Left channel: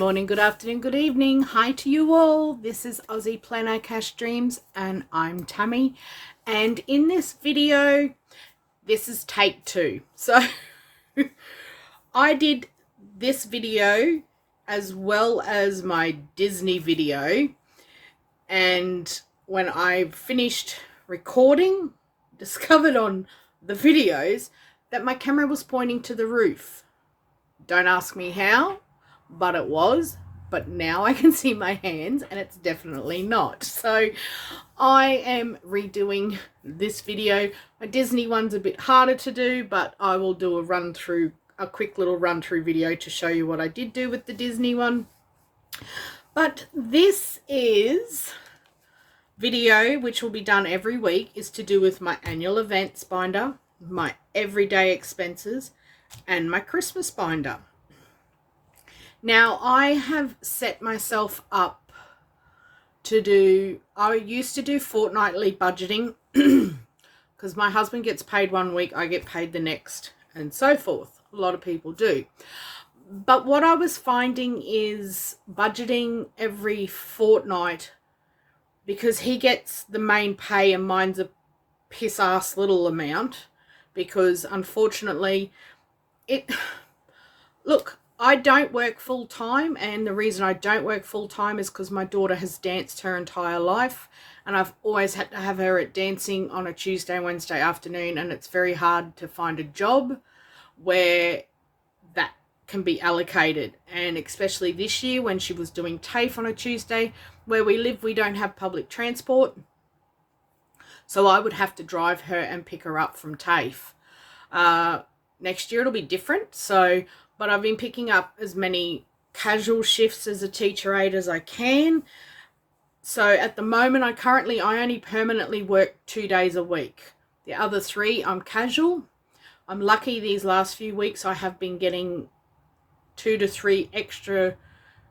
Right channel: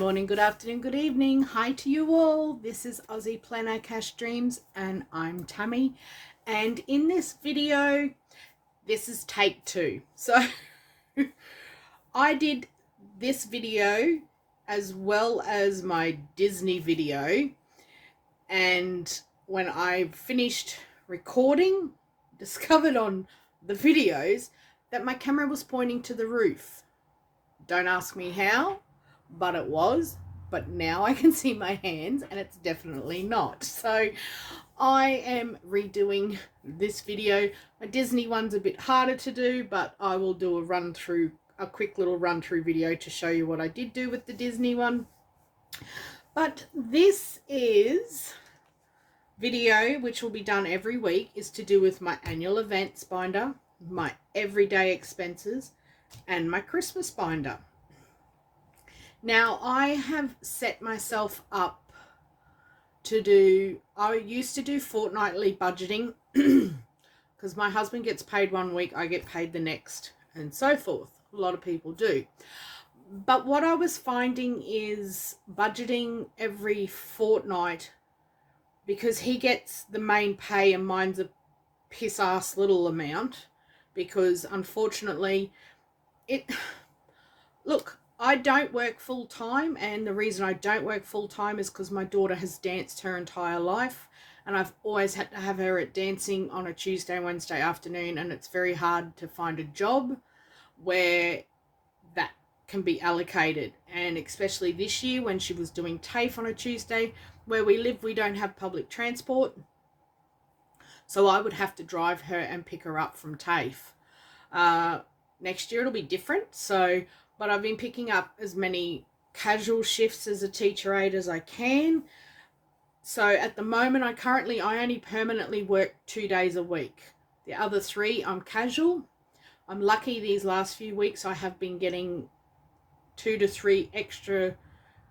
morning, good afternoon, good evening. Hi to you all. This is Aussie Planner Cash Dreams and I'm Tammy. And in this video, this is take 2. So I did this video as well as my Disney video. And when I finished recording, discovered on the videos that my camera was pointing to the roof. Don't ask me how, but it was. But now I can see my hands and it's definitely not. So I am redoing this video. My Disney one's a bit harder to do, but I will do a quick little run through video to show you what I did do with the Disney one. But this is video which will be done every week, is to do with my annual events binder, my everyday expenses, and my Christmas binder. Now I have set myself up to do, I used to do fortnightly budgeting because my husband gets paid one week, I get paid the next, and so forth. A lot of people do. But what I was finding is budgeting every fortnight, because he gets the main pay and mine's a piss ass little amount, because unfortunately look, I don't work full time, and the reason I don't work full time is because my daughter has danced her entire life and I've always had to have her at dancing on a Tuesday and Wednesday afternoon, and it's very hard to find a job where that can be allocated. And especially this year when she was doing TAFE on a Tuesday, where we live we don't have public transport, so I would have to drive her and pick her up from TAFE. Next year it'll be different, but I've been picking up as many casual shifts as a teacher aide as I can. So at the moment I only permanently work 2 days a week. The other 3 I'm casual. I'm lucky these last few weeks I have been getting 2 to 3 extra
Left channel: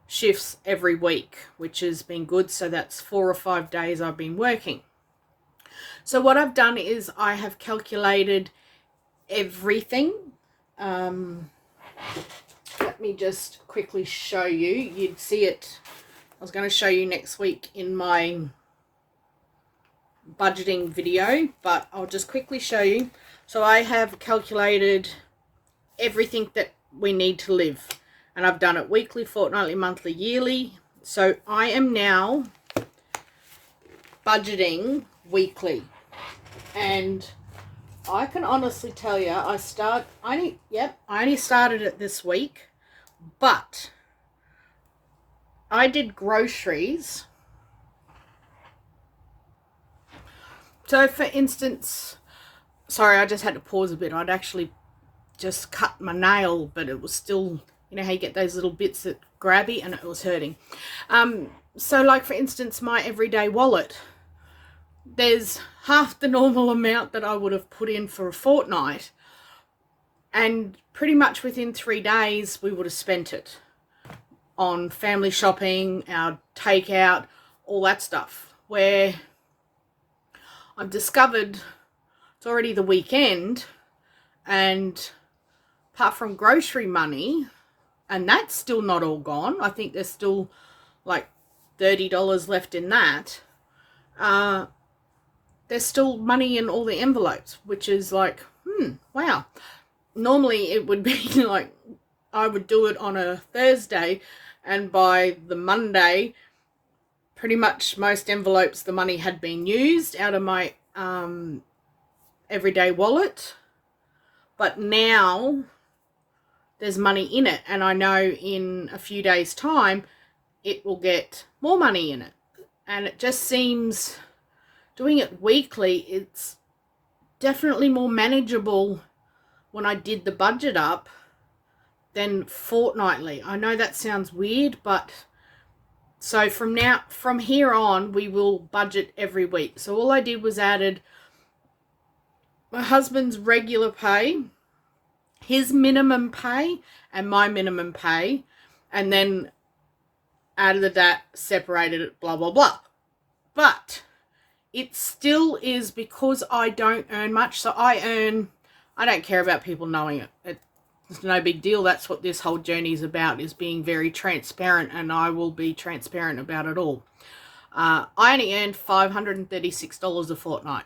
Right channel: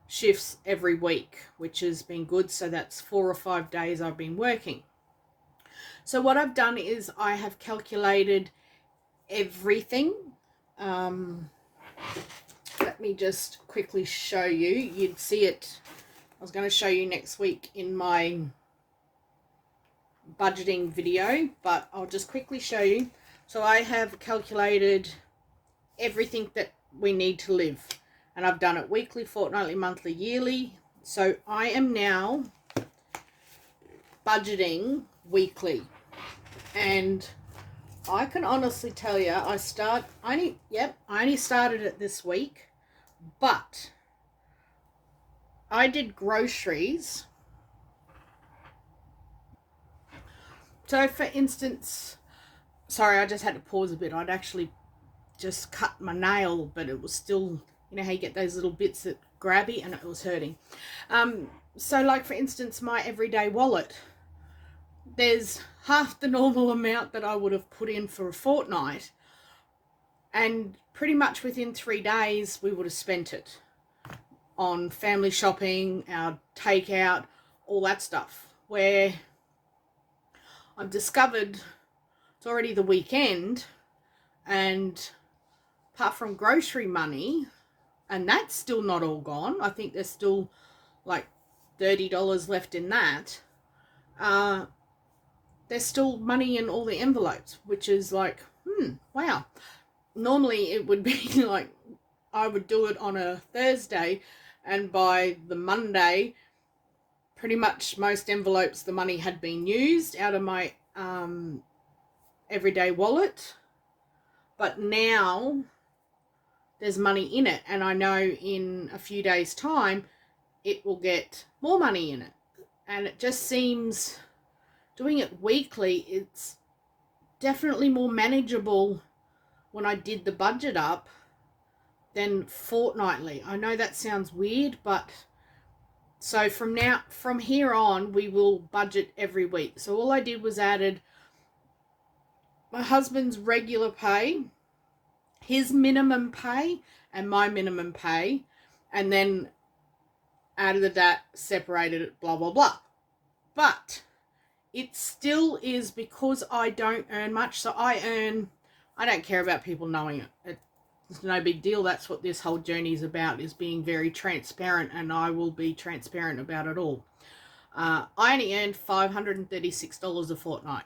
shifts every week, which has been good. So that's 4 or 5 days I've been working. So what I've done is I have calculated everything. Let me just quickly show you. You'd see it. I was going to show you next week in my budgeting video, but I'll just quickly show you. So I have calculated everything that we need to live, and I've done it weekly, fortnightly, monthly, yearly. So I am now budgeting weekly, and I can honestly tell you, I only started it this week, but I did groceries. So for instance, sorry, I just had to pause a bit. I'd actually just cut my nail, but it was still, you know how you get those little bits that grabby, and it was hurting. So like for instance, my everyday wallet, there's half the normal amount that I would have put in for a fortnight, and pretty much within 3 days we would have spent it on family shopping, our takeout, all that stuff, where I've discovered it's already the weekend, and apart from grocery money, and that's still not all gone, I think there's still like $30 left in that, there's still money in all the envelopes, which is like, wow. Normally it would be like, I would do it on a Thursday, and by the Monday, pretty much most envelopes, the money had been used out of my everyday wallet. But now there's money in it, and I know in a few days' time, it will get more money in it. And it just seems, doing it weekly, it's definitely more manageable when I did the budget up than fortnightly. I know that sounds weird, but so from here on, we will budget every week. So all I did was added my husband's regular pay, his minimum pay, and my minimum pay, and then added that, separated it, blah, blah, blah. But it still is, because I don't earn much. So I don't care about people knowing it. It's no big deal. That's what this whole journey is about, is being very transparent, and I will be transparent about it all. I only earned $536 a fortnight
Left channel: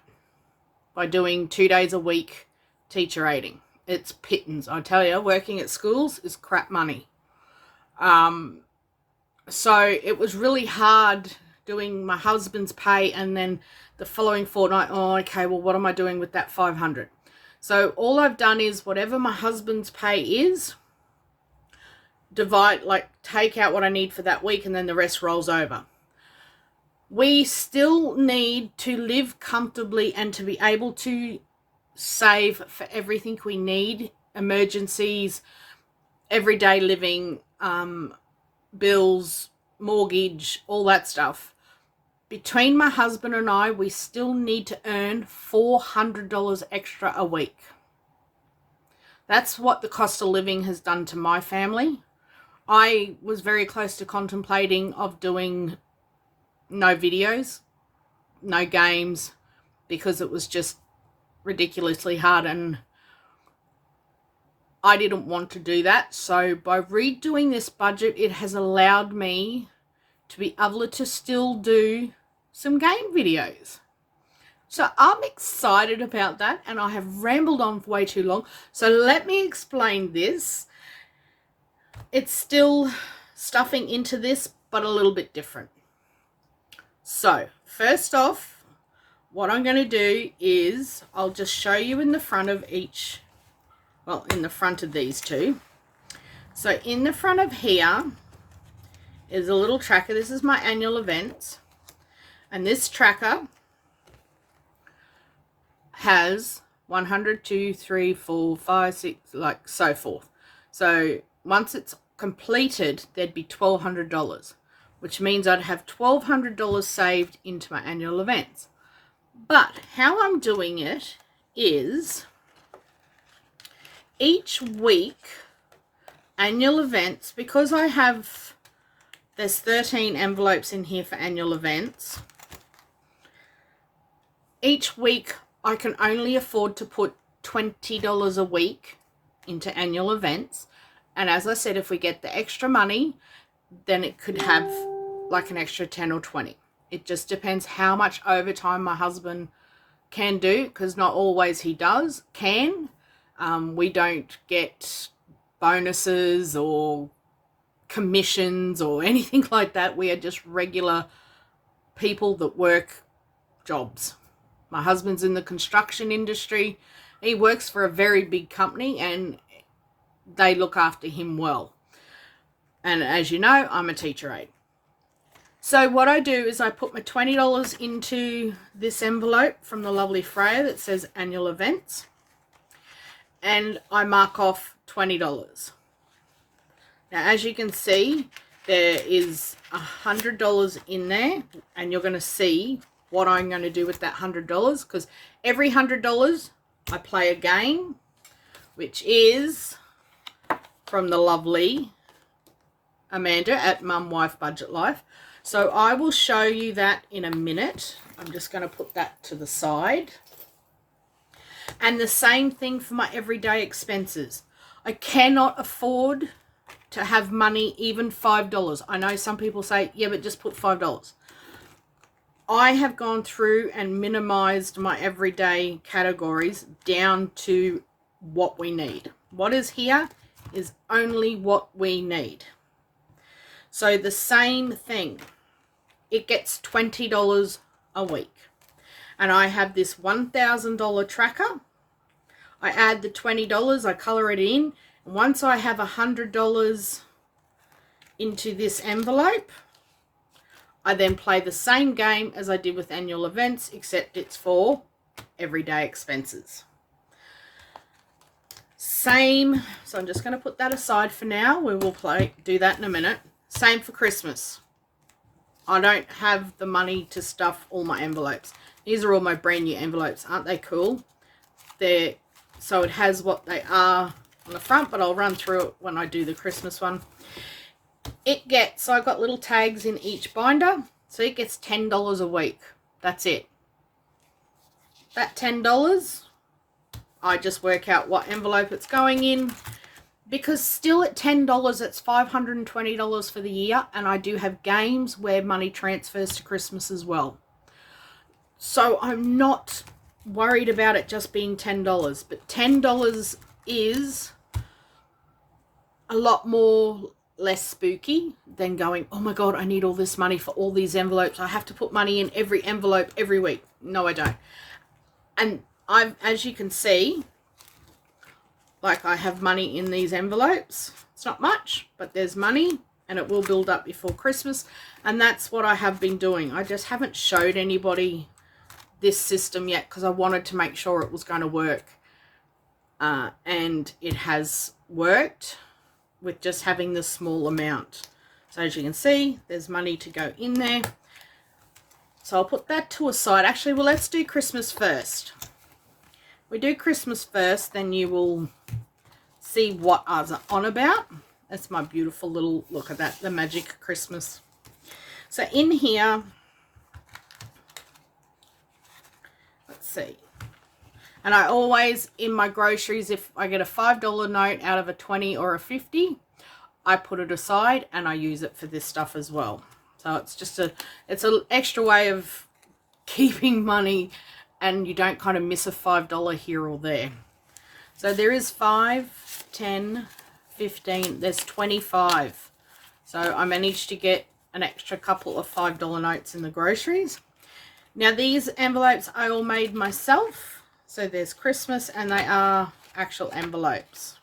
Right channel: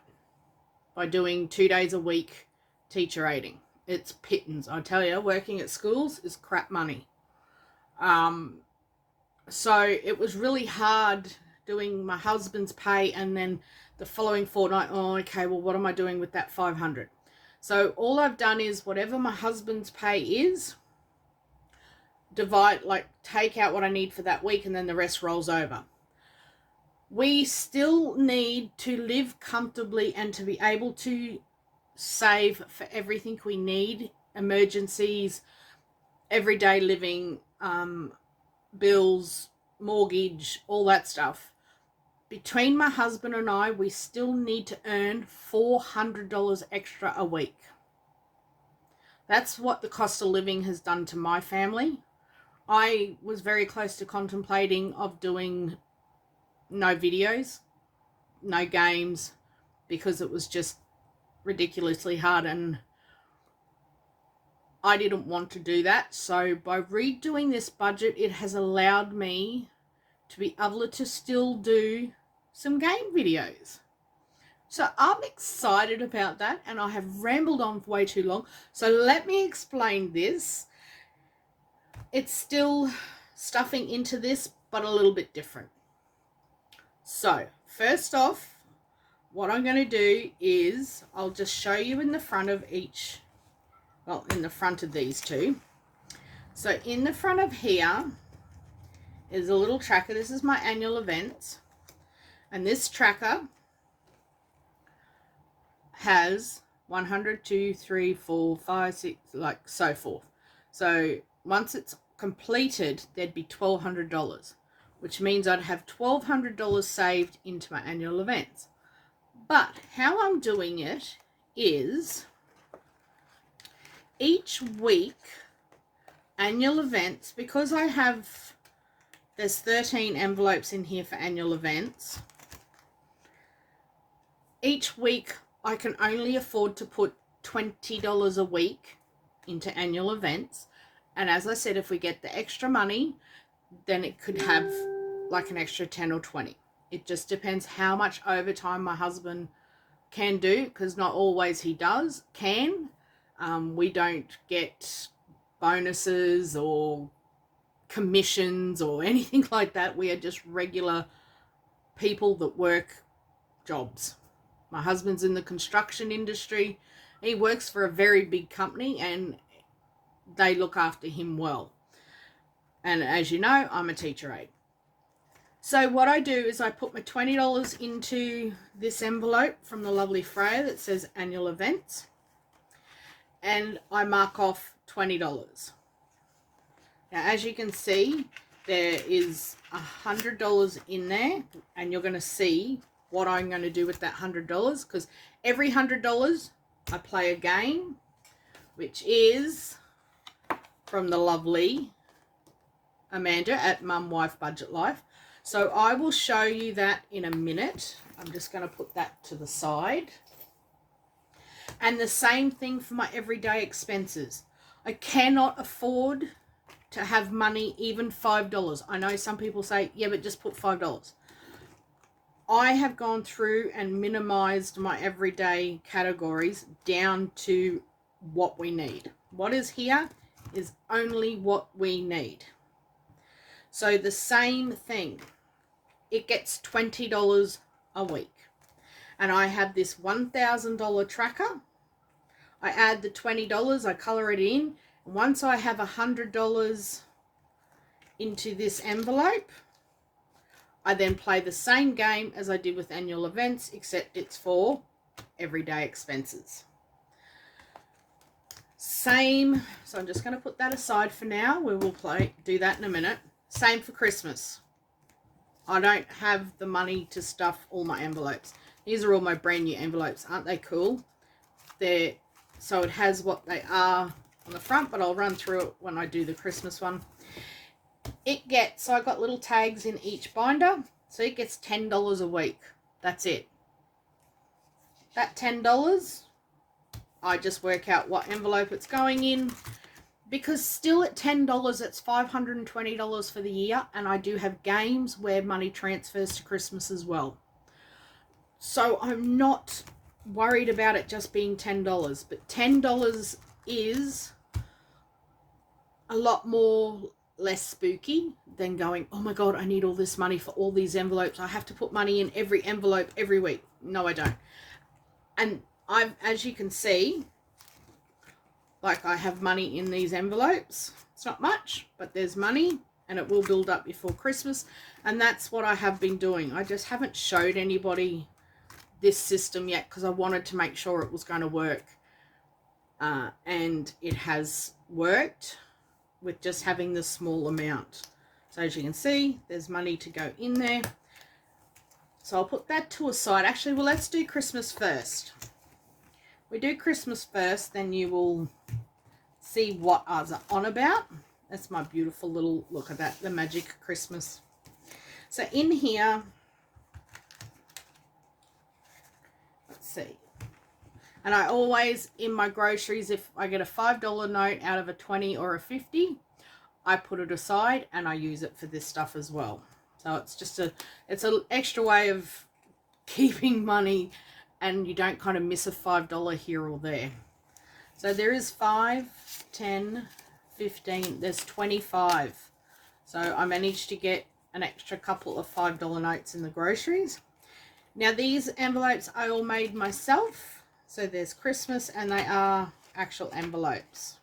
by doing 2 days a week teacher aiding. It's pittance. I tell you, working at schools is crap money. So it was really hard doing my husband's pay, and then the following fortnight, oh, okay, well, what am I doing with that 500? So all I've done is whatever my husband's pay is, divide, like take out what I need for that week, and then the rest rolls over. We still need to live comfortably and to be able to save for everything we need, emergencies, everyday living, bills, mortgage, all that stuff. Between my husband and I, we still need to earn $400 extra a week. That's what the cost of living has done to my family. I was very close to contemplating of doing no videos, no games, because it was just ridiculously hard, and I didn't want to do that. So by redoing this budget, it has allowed me to be able to still do some game videos. So I'm excited about that, and I have rambled on for way too long. So let me explain this. It's still stuffing into this, but a little bit different. So first off, what I'm going to do is I'll just show you in the front of each, well, in the front of these two. So in the front of here is a little tracker. This is my annual events. And this tracker has 100, 2, 3, 4, 5, 6, like so forth. So once it's completed, there'd be $1,200, which means I'd have $1,200 saved into my annual events. But how I'm doing it is each week, annual events, because I have, there's 13 envelopes in here for annual events. Each week I can only afford to put $20 a week into annual events. And as I said, if we get the extra money, then it could have like an extra 10 or 20. It just depends how much overtime my husband can do, because not always he can. We don't get bonuses or commissions or anything like that. We are just regular people that work jobs. My husband's in the construction industry. He works for a very big company, and they look after him well. And as you know, I'm a teacher aide. So what I do is I put my $20 into this envelope from the lovely Freya that says annual events, and I mark off $20. Now, as you can see, there is $100 in there, and you're going to see what I'm going to do with that $100, because every $100 I play a game, which is from the lovely Amanda at Mum Wife Budget Life. So I will show you that in a minute. I'm just going to put that to the side. And the same thing for my everyday expenses. I cannot afford to have money, even $5. I know some people say, yeah, but just put $5. I have gone through and minimized my everyday categories down to what we need. What is here is only what we need. So the same thing, it gets $20 a week. And I have this $1,000 tracker. I add the $20, I color it in. And once I have $100 into this envelope, I then play the same game as I did with annual events, except it's for everyday expenses. Same, so I'm just going to put that aside for now. We will do that in a minute. Same for Christmas. I don't have the money to stuff all my envelopes. These are all my brand new envelopes. Aren't they cool? So it has what they are on the front, but I'll run through it when I do the Christmas one. So I've got little tags in each binder. So it gets $10 a week. That's it. That $10, I just work out what envelope it's going in. because still at $10, it's $520 for the year, and I do have games where money transfers to Christmas as well. So I'm not worried about it just being $10, but $10 is a lot more less spooky than going, oh my God, I need all this money for all these envelopes. I have to put money in every envelope every week. No, I don't. And as you can see, like I have money in these envelopes. It's not much, but there's money, and it will build up before Christmas. And that's what I have been doing. I just haven't showed anybody this system yet because I wanted to make sure it was going to work. And it has worked with just having this small amount. So as you can see, there's money to go in there. So I'll put that to a side. Actually, well, let's do Christmas first. We do Christmas first, then you will see what I was on about. That's my beautiful little, look at that, the magic Christmas. So in here, let's see. And I always, in my groceries, if I get a $5 note out of a 20 or a 50, I put it aside and I use it for this stuff as well. So it's just it's an extra way of keeping money, and you don't kind of miss a $5 here or there. So there is 5, 10, 15, there's 25. So I managed to get an extra couple of $5 notes in the groceries. Now these envelopes I all made myself. So there's Christmas, and they are actual envelopes.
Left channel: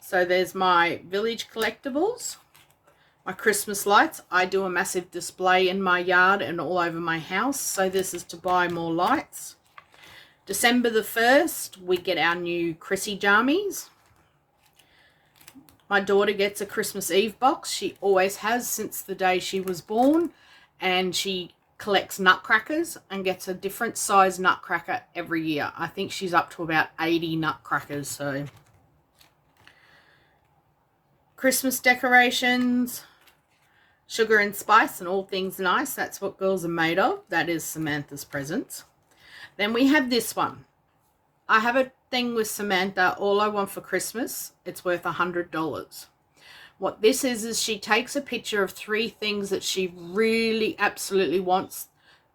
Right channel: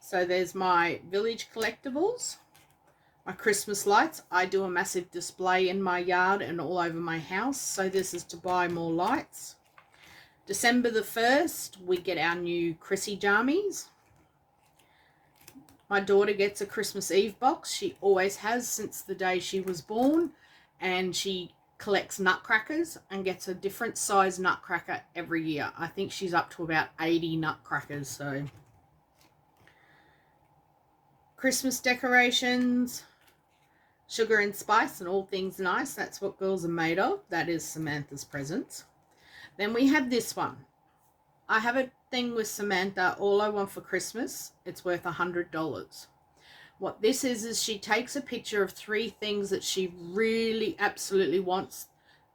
So there's my Village Collectibles, my Christmas lights. I do a massive display in my yard and all over my house. So this is to buy more lights. December the 1st, we get our new Chrissy jammies. My daughter gets a Christmas Eve box. She always has since the day she was born. And she collects nutcrackers and gets a different size nutcracker every year. I think she's up to about 80 nutcrackers. So Christmas decorations, sugar and spice and all things nice. That's what girls are made of. That is Samantha's presents. Then we have this one. I have a thing with Samantha, All I Want for Christmas. It's worth $100. What this is she takes a picture of 3 things that she really absolutely wants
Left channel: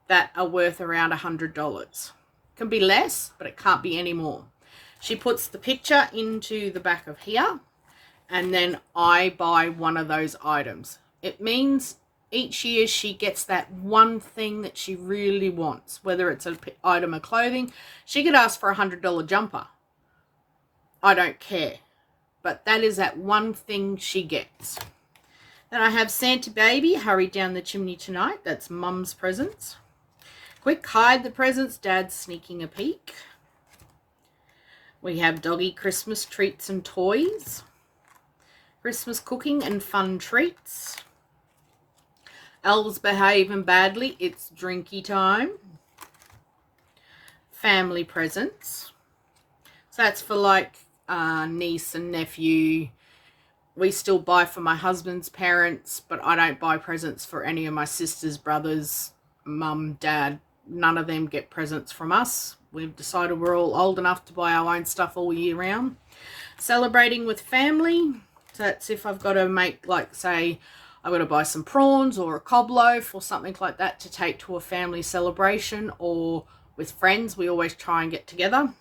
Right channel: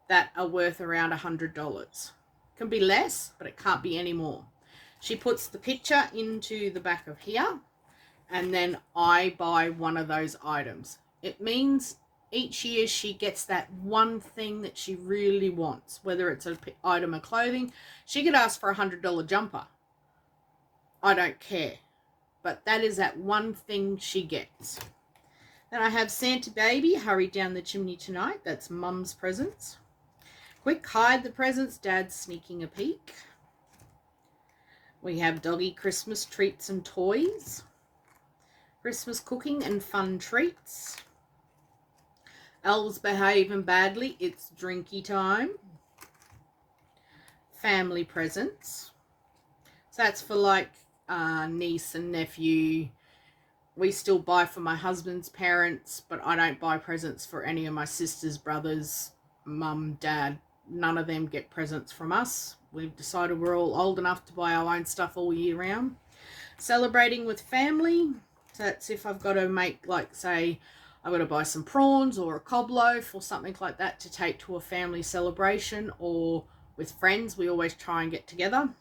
that are worth around $100. Can be less, but it can't be any more. She puts the picture into the back of here, and then I buy one of those items. It means each year she gets that one thing that she really wants, whether it's an item of clothing. She could ask for a $100 jumper. I don't care. But that is that one thing she gets. Then I have Santa Baby, Hurry Down the Chimney Tonight. That's Mum's presents. Quick, Hide the Presents, Dad's Sneaking a Peek. We have Doggy Christmas Treats and Toys. Christmas Cooking and Fun Treats. Elves Behaving Badly, It's Drinky Time. Family Presents. So that's for like niece and nephew. We still buy for my husband's parents, but I don't buy presents for any of my sisters, brothers, mum, dad. None of them get presents from us. We've decided we're all old enough to buy our own stuff all year round. Celebrating with family. So that's if I've got to make, like, say, I've got to buy some prawns or a cob loaf or something like that to take to a family celebration, or with friends. We always try and get together.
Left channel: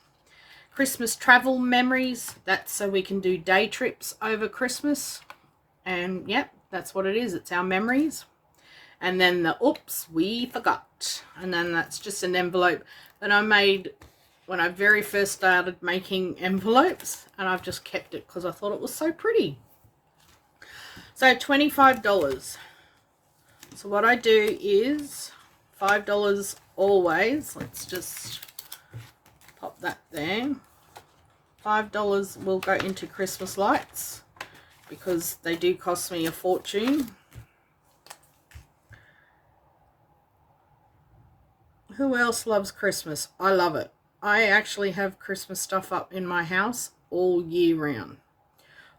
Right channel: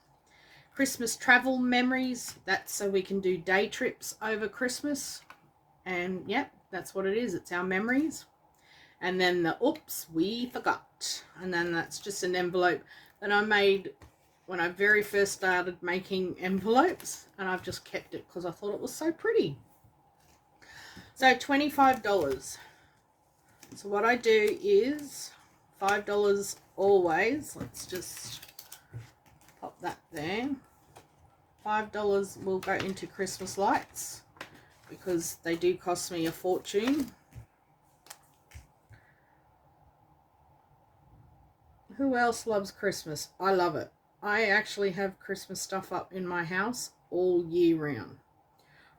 Christmas travel memories. That's so we can do day trips over Christmas. And yep, that's what it is. It's our memories. And then the oops, we forgot. And then that's just an envelope that I made when I very first started making envelopes. And I've just kept it because I thought it was so pretty. So $25. So what I do is $5 always. Let's just pop that there. $5 will go into Christmas lights because they do cost me a fortune. Who else loves Christmas? I love it. I actually have Christmas stuff up in my house all year round.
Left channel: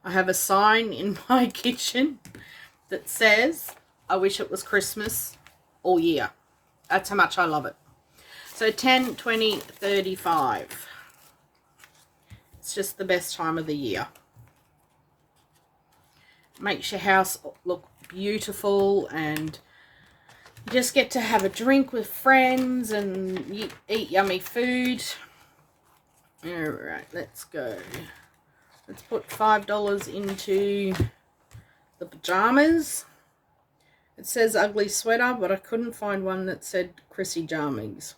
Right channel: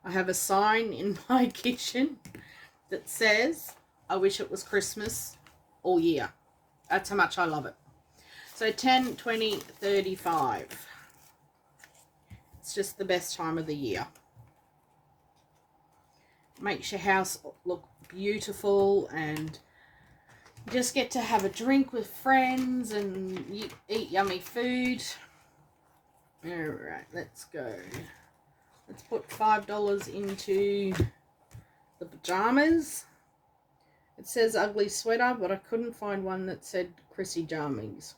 I have a sign in my kitchen that says, I wish it was Christmas all year. That's how much I love it. So 10, 20, 35. It's just the best time of the year. makes your house look beautiful, and you just get to have a drink with friends and eat yummy food. All right, let's go. Let's put $5 into the pajamas. It says ugly sweater, but I couldn't find one that said Chrissy Jammies.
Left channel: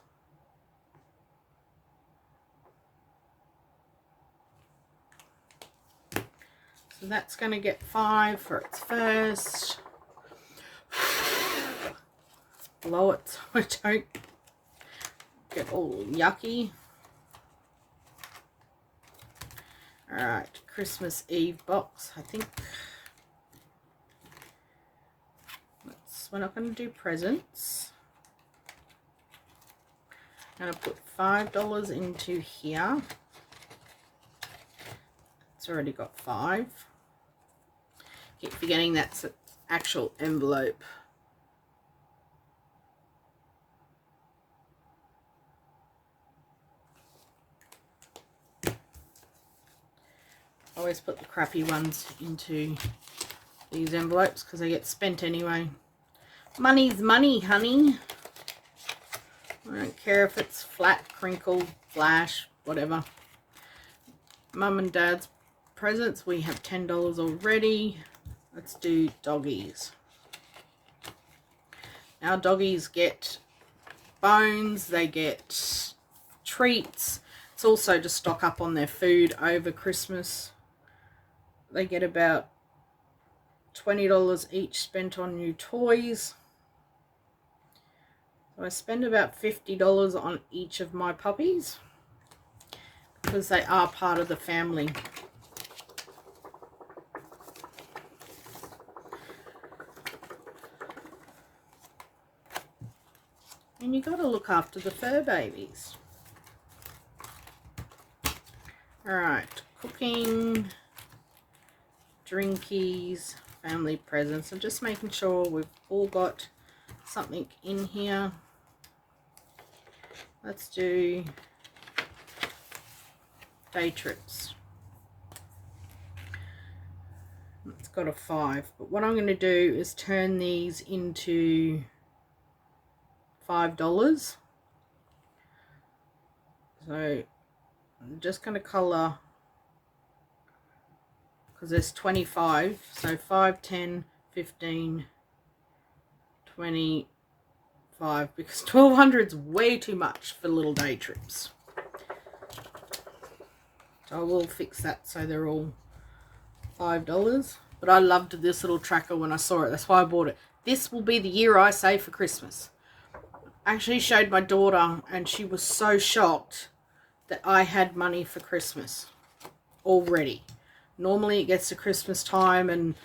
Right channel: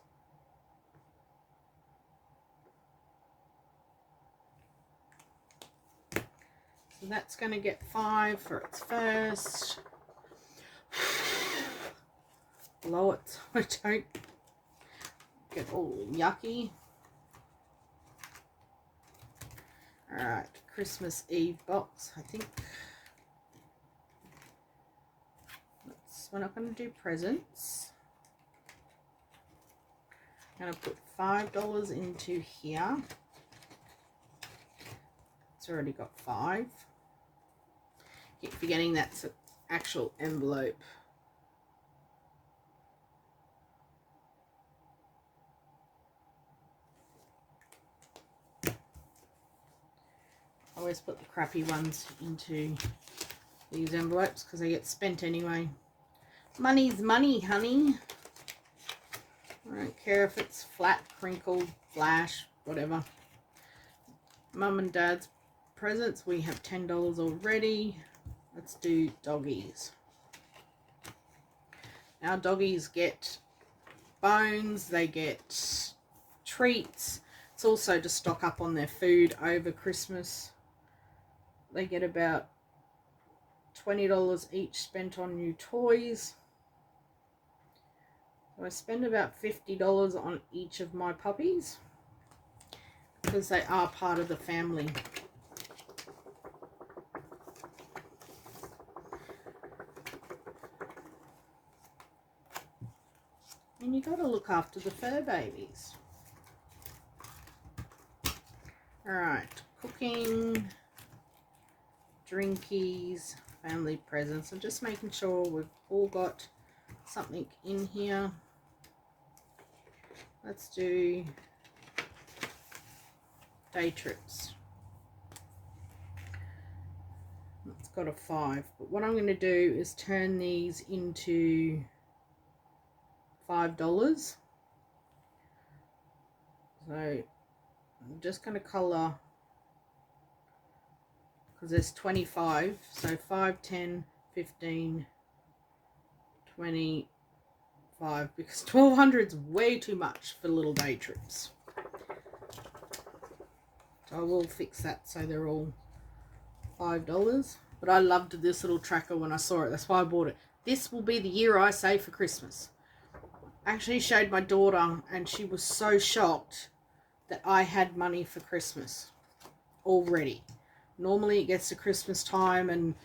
So that's going to get 5 for its first. Blow it so I don't get all yucky. Alright, Christmas Eve box, I think. We're not going to do presents. I'm going to put $5 into here. It's already got 5. Keep forgetting that's an actual envelope. I always put the crappy ones into these envelopes because they get spent anyway. Money's money, honey. I don't care if it's flat, crinkled, flash, whatever. Mum and Dad's presents, we have $10 already. Let's do doggies. Our doggies get bones, they get treats. It's also to stock up on their food over Christmas. They get about $20 each spent on new toys. So I spend about $50 on each of my puppies because they are part of the family. And you got to look after the fur babies. Alright, cooking, drinkies, family presents. I'm just making sure we've all got something in here. Let's do day trips. It's got a 5, but what I'm going to do is turn these into $5. So I'm just going to colour, because there's 25, so 5, 10, 15, 25, because 1200 is way too much for little day trips. So I will fix that so they're all $5. But I loved this little tracker when I saw it. That's why I bought it. This will be the year I save for Christmas. I actually showed my daughter and she was so shocked that I had money for Christmas already. Normally it gets to Christmas time and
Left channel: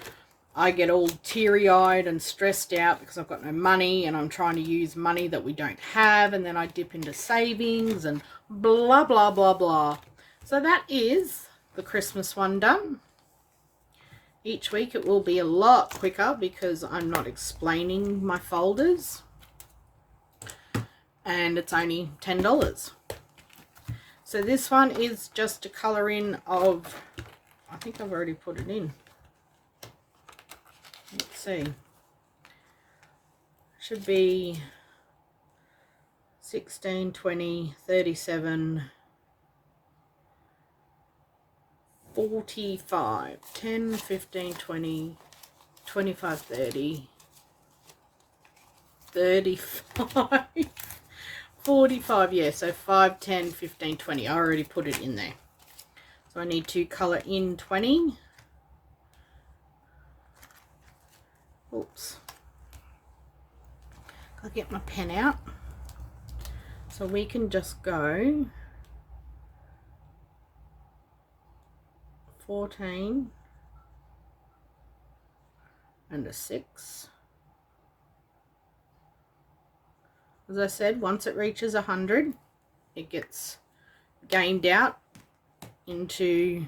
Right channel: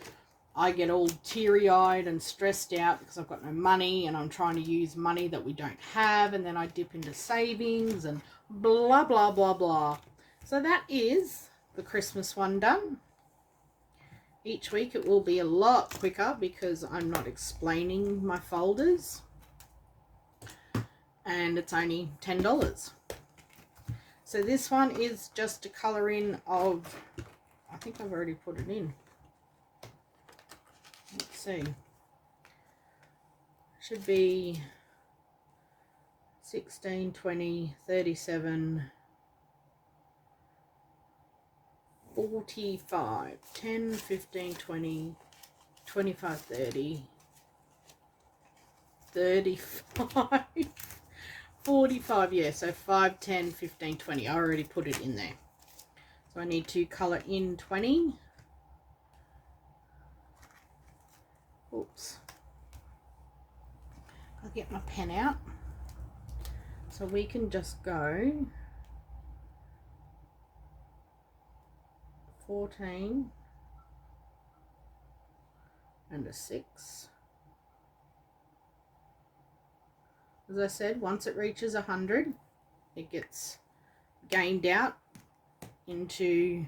I get all teary-eyed and stressed out because I've got no money and I'm trying to use money that we don't have, and then I dip into savings and blah, blah, blah, blah. So that is the Christmas one done. Each week it will be a lot quicker because I'm not explaining my folders. And it's only $10. So this one is just a colour in of, I think I've already put it in. Let's see. Should be 16, 20, 37, 45, 10, 15, 20, 25, 30, 35, 45, yeah, so 5, 10, 15, 20. I already put it in there. So I need to colour in 20. Oops. I'll get my pen out. So we can just go 14 and a 6. As I said, once it reaches 100, it gets gained out into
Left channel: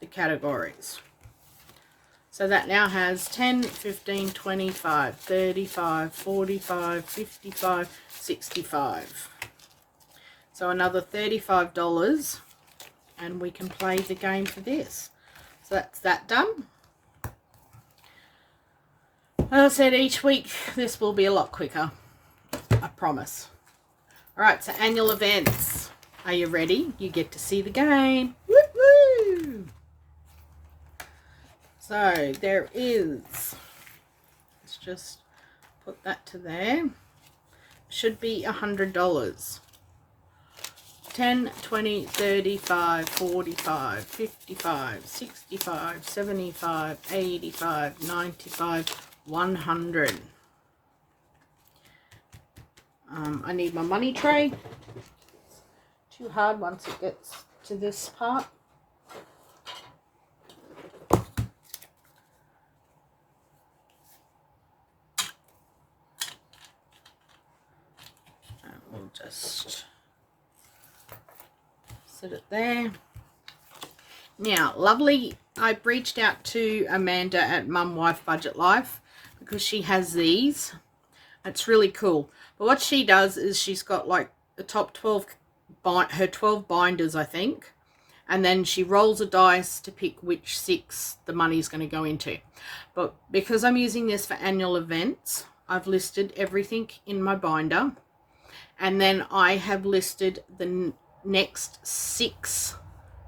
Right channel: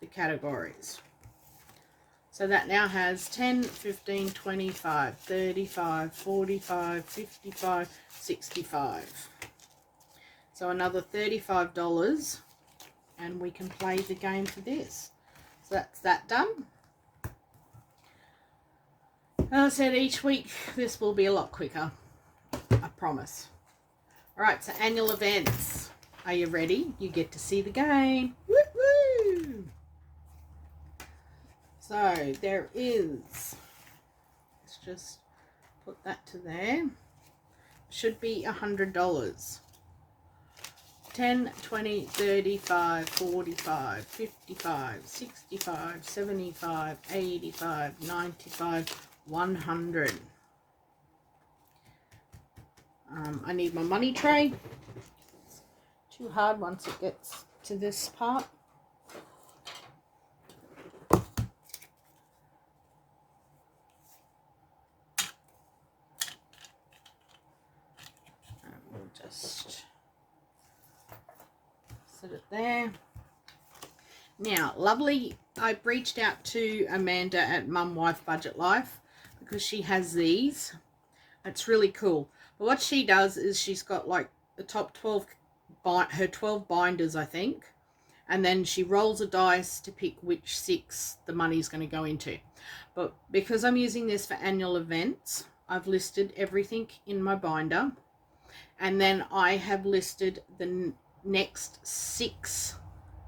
the categories. So that now has 10, 15, 25, 35, 45, 55, 65. So another $35 and we can play the game for this. So that's that done. As I said, each week this will be a lot quicker. I promise. Alright, so annual events. Are you ready? You get to see the game. Woo-woo! So there is, let's just put that to there. Should be $100. 10, 20, 35, 45, 55, 65, 75, 85, 95, 100. I need my money tray. Too hard once it gets to this part. And we'll just set it there. Now, lovely, I reached out to Amanda at Mum Wife Budget Life because she has these. It's really cool. But what she does is she's got like the top 12, her 12 binders, I think. And then she rolls a dice to pick which 6 the money's going to go into. But because I'm using this for annual events, I've listed everything in my binder. And then I have listed the next 6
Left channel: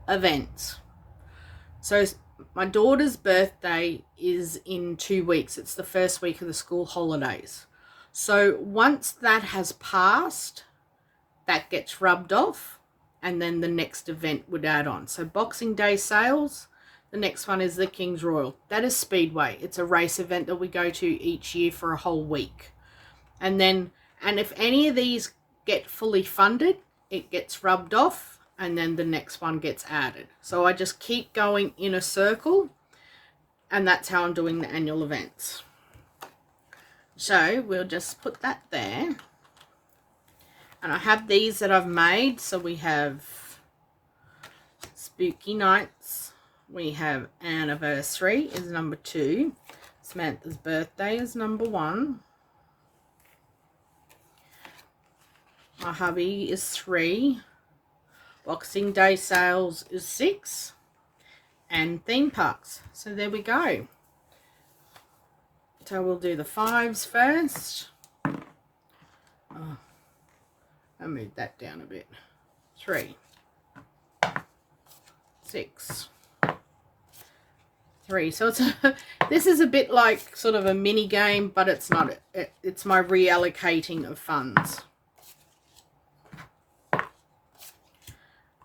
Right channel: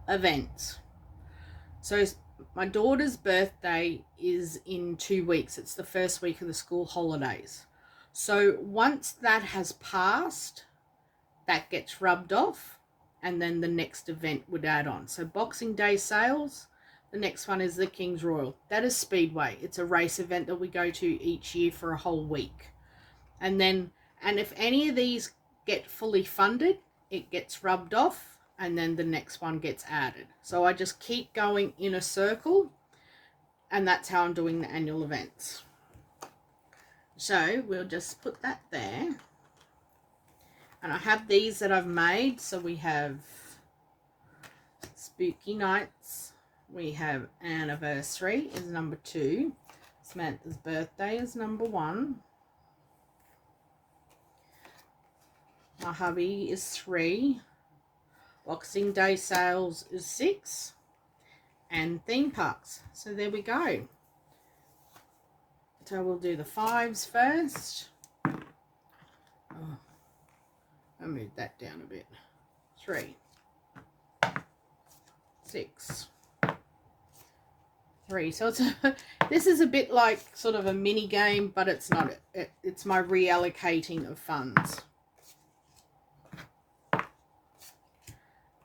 events. So my daughter's birthday is in 2 weeks. It's the first week of the school holidays. So once that has passed, that gets rubbed off, and then the next event would add on. So Boxing Day sales, the next one is the King's Royal. That is Speedway. It's a race event that we go to each year for a whole week. And if any of these get fully funded, it gets rubbed off, and then the next one gets added. So I just keep going in a circle, and that's how I'm doing the annual events. So we'll just put that there. And I have these that I've made. So we have Spooky Nights. We have Anniversary is number 2. Samantha's Birthday is number 1. My hubby is 3. Boxing Day sales is 6. And theme parks. So there we go. So we'll do the 5s first. Oh, I moved that down a bit. 3, 6, 3. So it's this is a bit like sort of a mini game, but it's not. It's my reallocating of funds.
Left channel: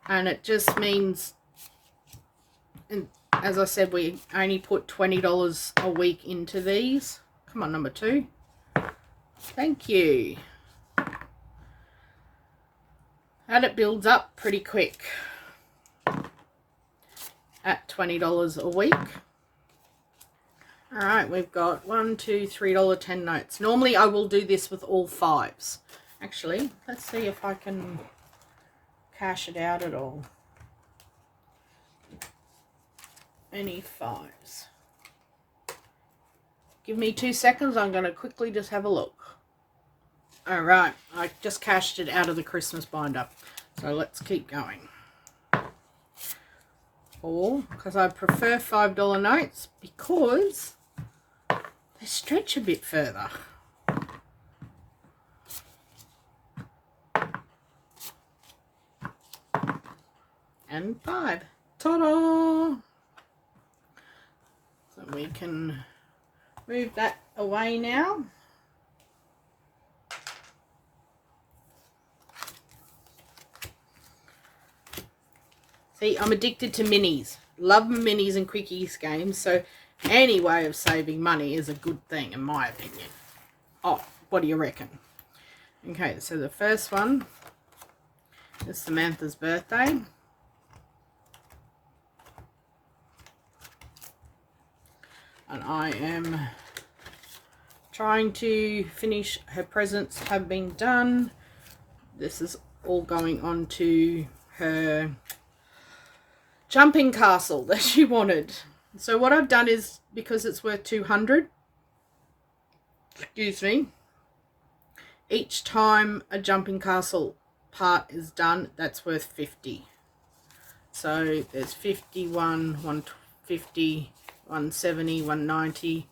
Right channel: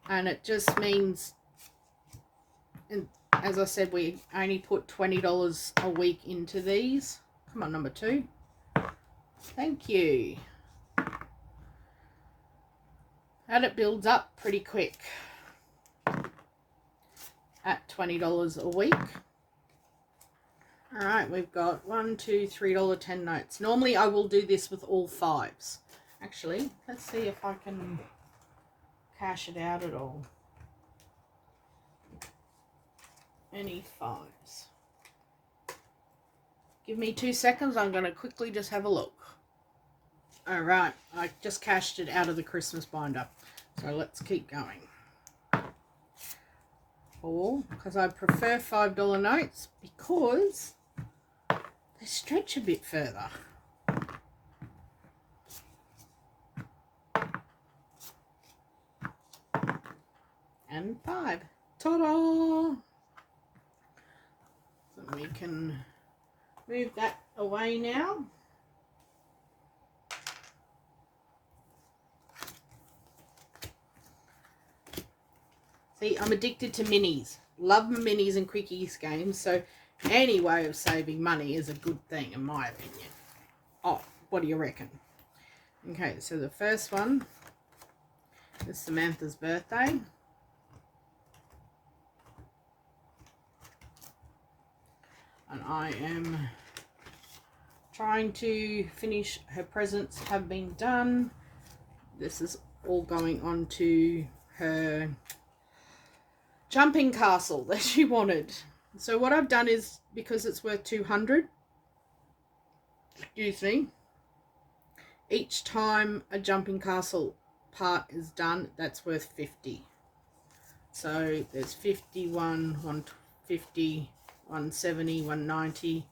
And it just means, and as I said, we only put $20 a week into these. Come on, number 2. Thank you. And it builds up pretty quick at $20 a week. All right, we've got $1, $2, $3, 10 notes. Normally I will do this with all 5s. Actually, let's see if I can cash it out at all. Any 5s? Give me 2 seconds. I'm going to quickly just have a look. All right, I just cashed it out of the Christmas binder. So let's keep going. 4, because I prefer $5 notes because they stretch a bit further. And 5. Ta-da! So we can move that away now. See, I'm addicted to minis. Love minis and quickies games, so any way of saving money is a good thing, in my opinion. Oh, what do you reckon? Okay, so the first one is Samantha's Birthday. And I am trying to finish, her presents have been done. This is all going on to her jumping castle that she wanted. So what I've done is, because it's worth $200, excuse me, each time a jumping castle part is done, that's worth $50. So there's 51, 150, 170, 190,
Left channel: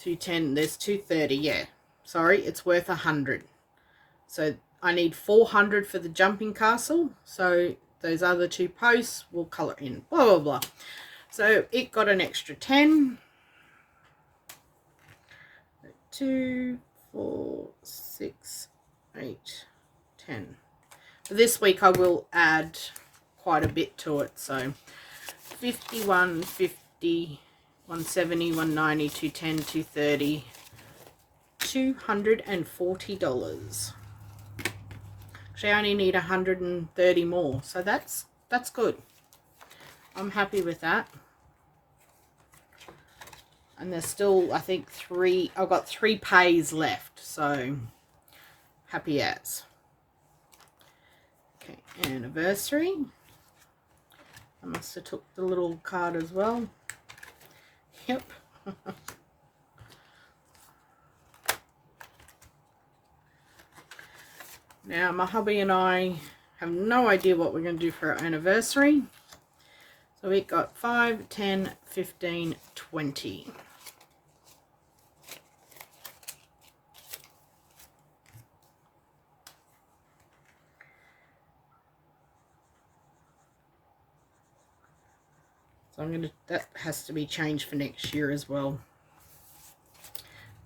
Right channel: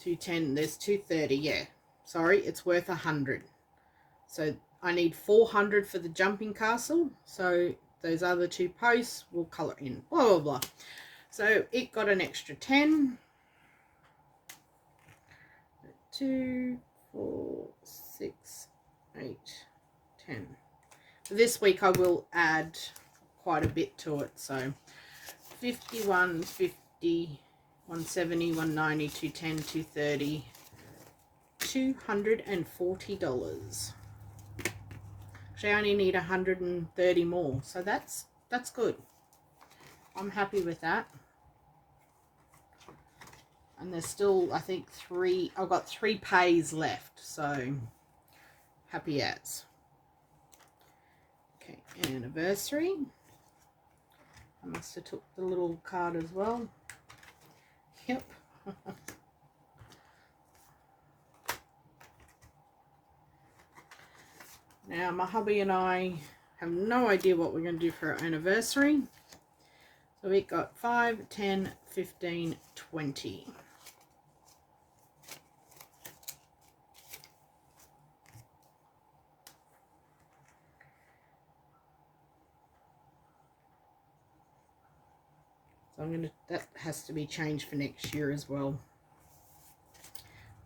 210, there's 230, yeah. Sorry, it's worth 100. So I need 400 for the jumping castle. So those other 2 posts will colour in, blah, blah, blah. So it got an extra 10. 2, 4, 6, 8, 10. For this week I will add quite a bit to it. So 50, 150, 170, 190, 210, 230, $240. Actually, I only need 130 more, so that's good. I'm happy with that. And there's still, I think, I've got 3 pays left, so happy as. Okay, anniversary. I must have took the little card as well. Yep. Now, my hubby and I have no idea what we're going to do for our anniversary. So we got 5, 10, 15, 20. So that has to be changed for next year as well.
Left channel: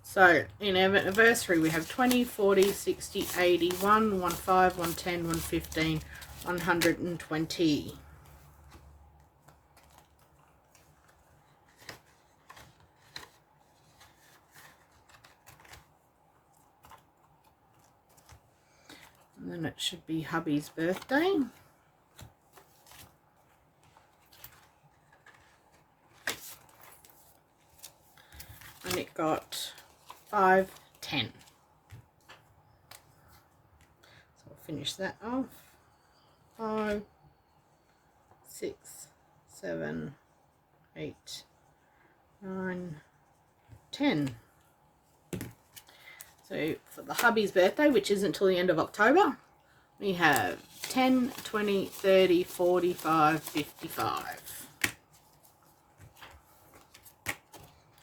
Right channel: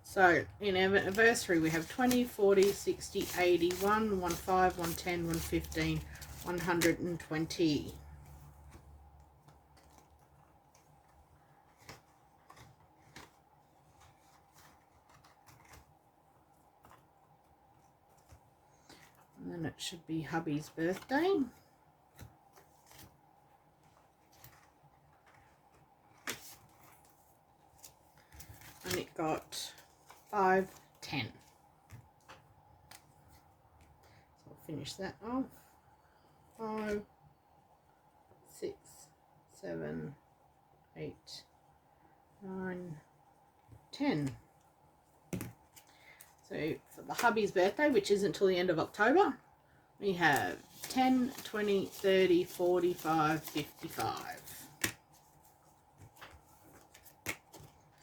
So in anniversary we have 20, 40, 60, 80, 1, 1, 5, 1, 10, 1, 15, 120. And then it should be hubby's birthday. And it got 5, 10. So I'll finish that off. 5, 6, 7, 8, 9, 10. So for the hubby's birthday, which isn't until the end of October, we have 10, 20, 30, 45, 55.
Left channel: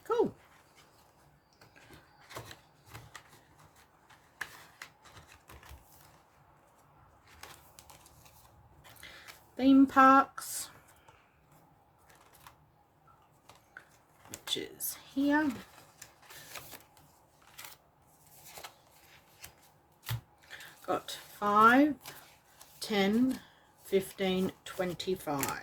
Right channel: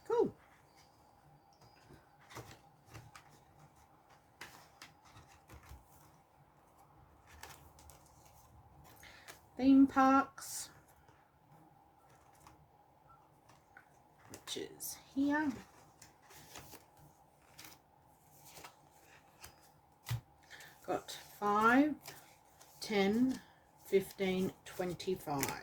Cool. Theme parks, which is here. Got 5, 10, 15, 25.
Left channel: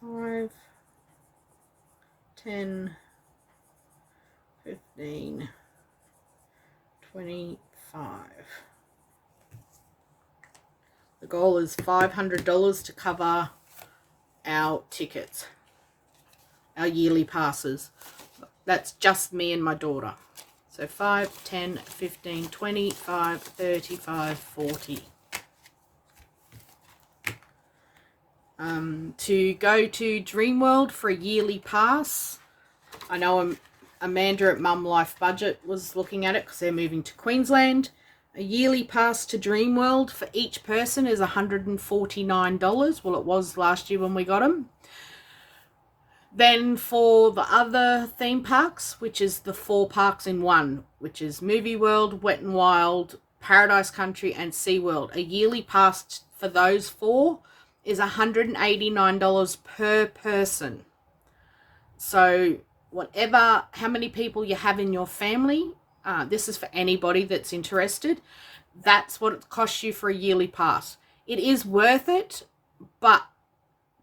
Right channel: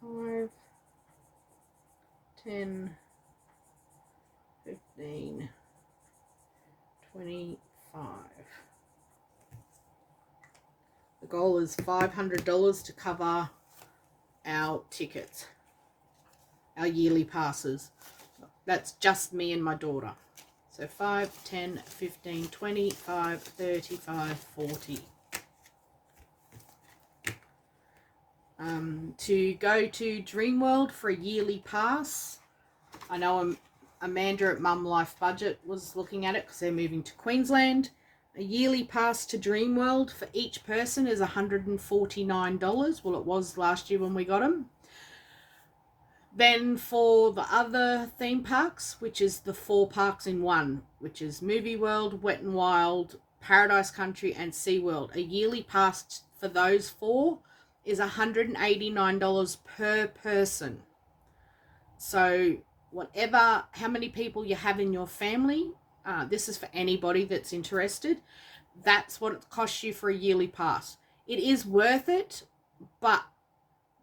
5, 10, 15, 25. The goal is $500 to cover our tickets, our yearly passes. That's just me and my daughter. So 5, 10, 15, 25, 35, 40. To go to Dreamworld for a yearly pass. I know Amanda at Mum Life Budget was looking at it because they're moving to Queensland. A yearly pass to Dreamworld for each person is $149. Well, it was last year when we got them. Then for the other theme parks, which is the 4 parks in one, which is Movie World, Wet n Wild, Paradise Country and SeaWorld, a yearly pass for those 4 is $189 per person. So how many people you have in your family, this is for anybody that's interested, that's what it costs you for a yearly pass. It is worth it, but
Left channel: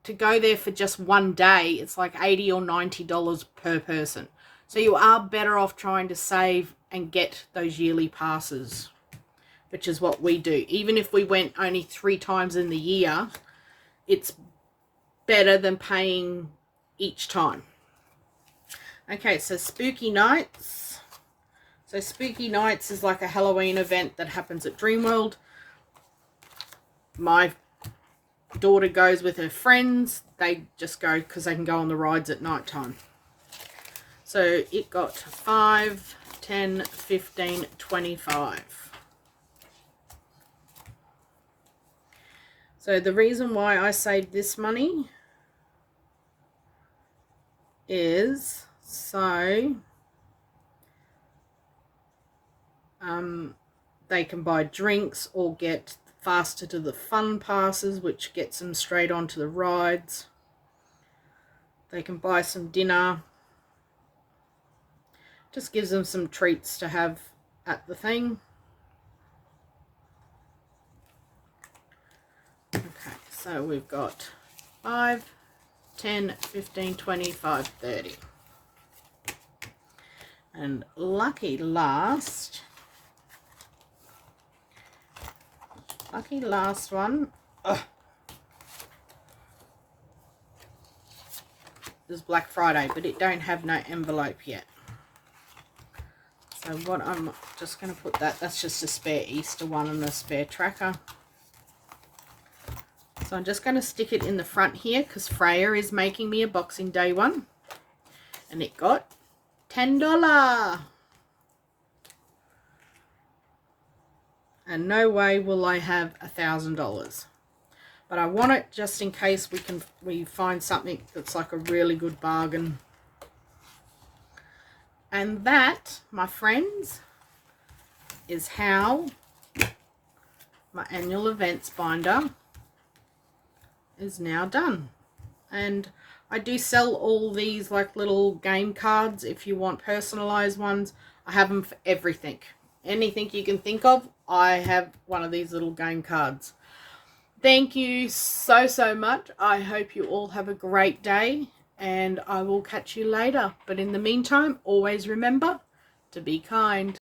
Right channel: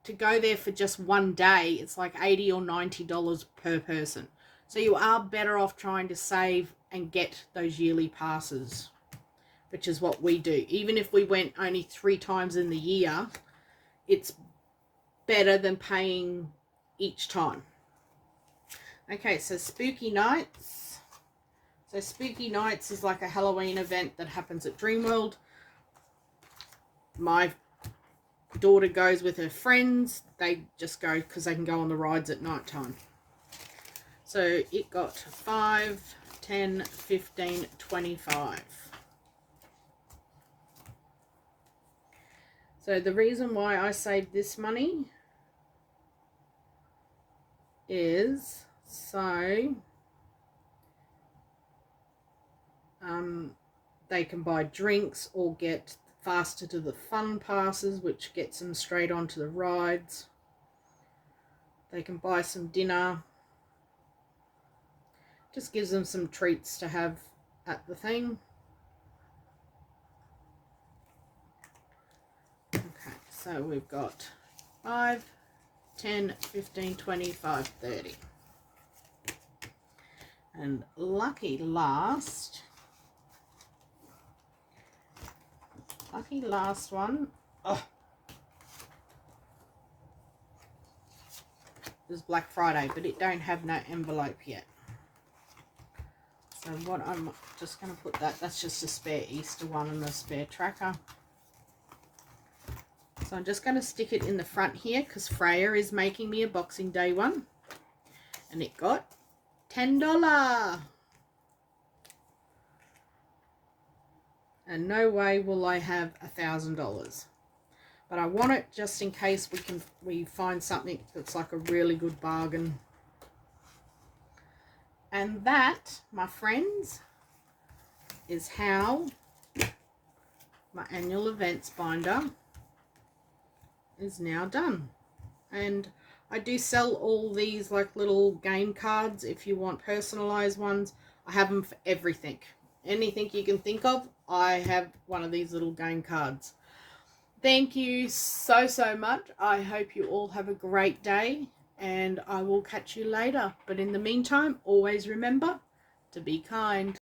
to go there for just one day, it's like $80 or $90 per person. So you are better off trying to save and get those yearly passes, which is what we do. Even if we went only 3 times in the year, it's better than paying each time. Okay, so Spooky Nights. So Spooky Nights is like a Halloween event that happens at Dreamworld. My daughter goes with her friends. They just go because they can go on the rides at night time. So it got 5, 10, 15, 25. So the reason why I saved this money is so they can buy drinks or get faster to the fun passes, which gets them straight onto the rides. They can buy some dinner. Just gives them some treats to have at the thing. Okay, so we've got 5, 10, 15, 25, 30. And lucky last one is Black Friday, but it don't have no envelope yet. So what I'm just going to put that's just a spare Easter one and a spare tracker. So I'm just going to stick it in the front here because Freya is making me a Boxing Day one. And it got $10. And no way will I have $1,000. But I want it just in case we find something that's like a really good bargain. And that, my friends, is how my annual events binder is now done. And I do sell all these like little game cards if you want personalized ones. I have them for everything. Anything you can think of, I have one of these little game cards. Thank you so much. I hope you all have a great day, and I will catch you later. But in the meantime, always remember to be kind.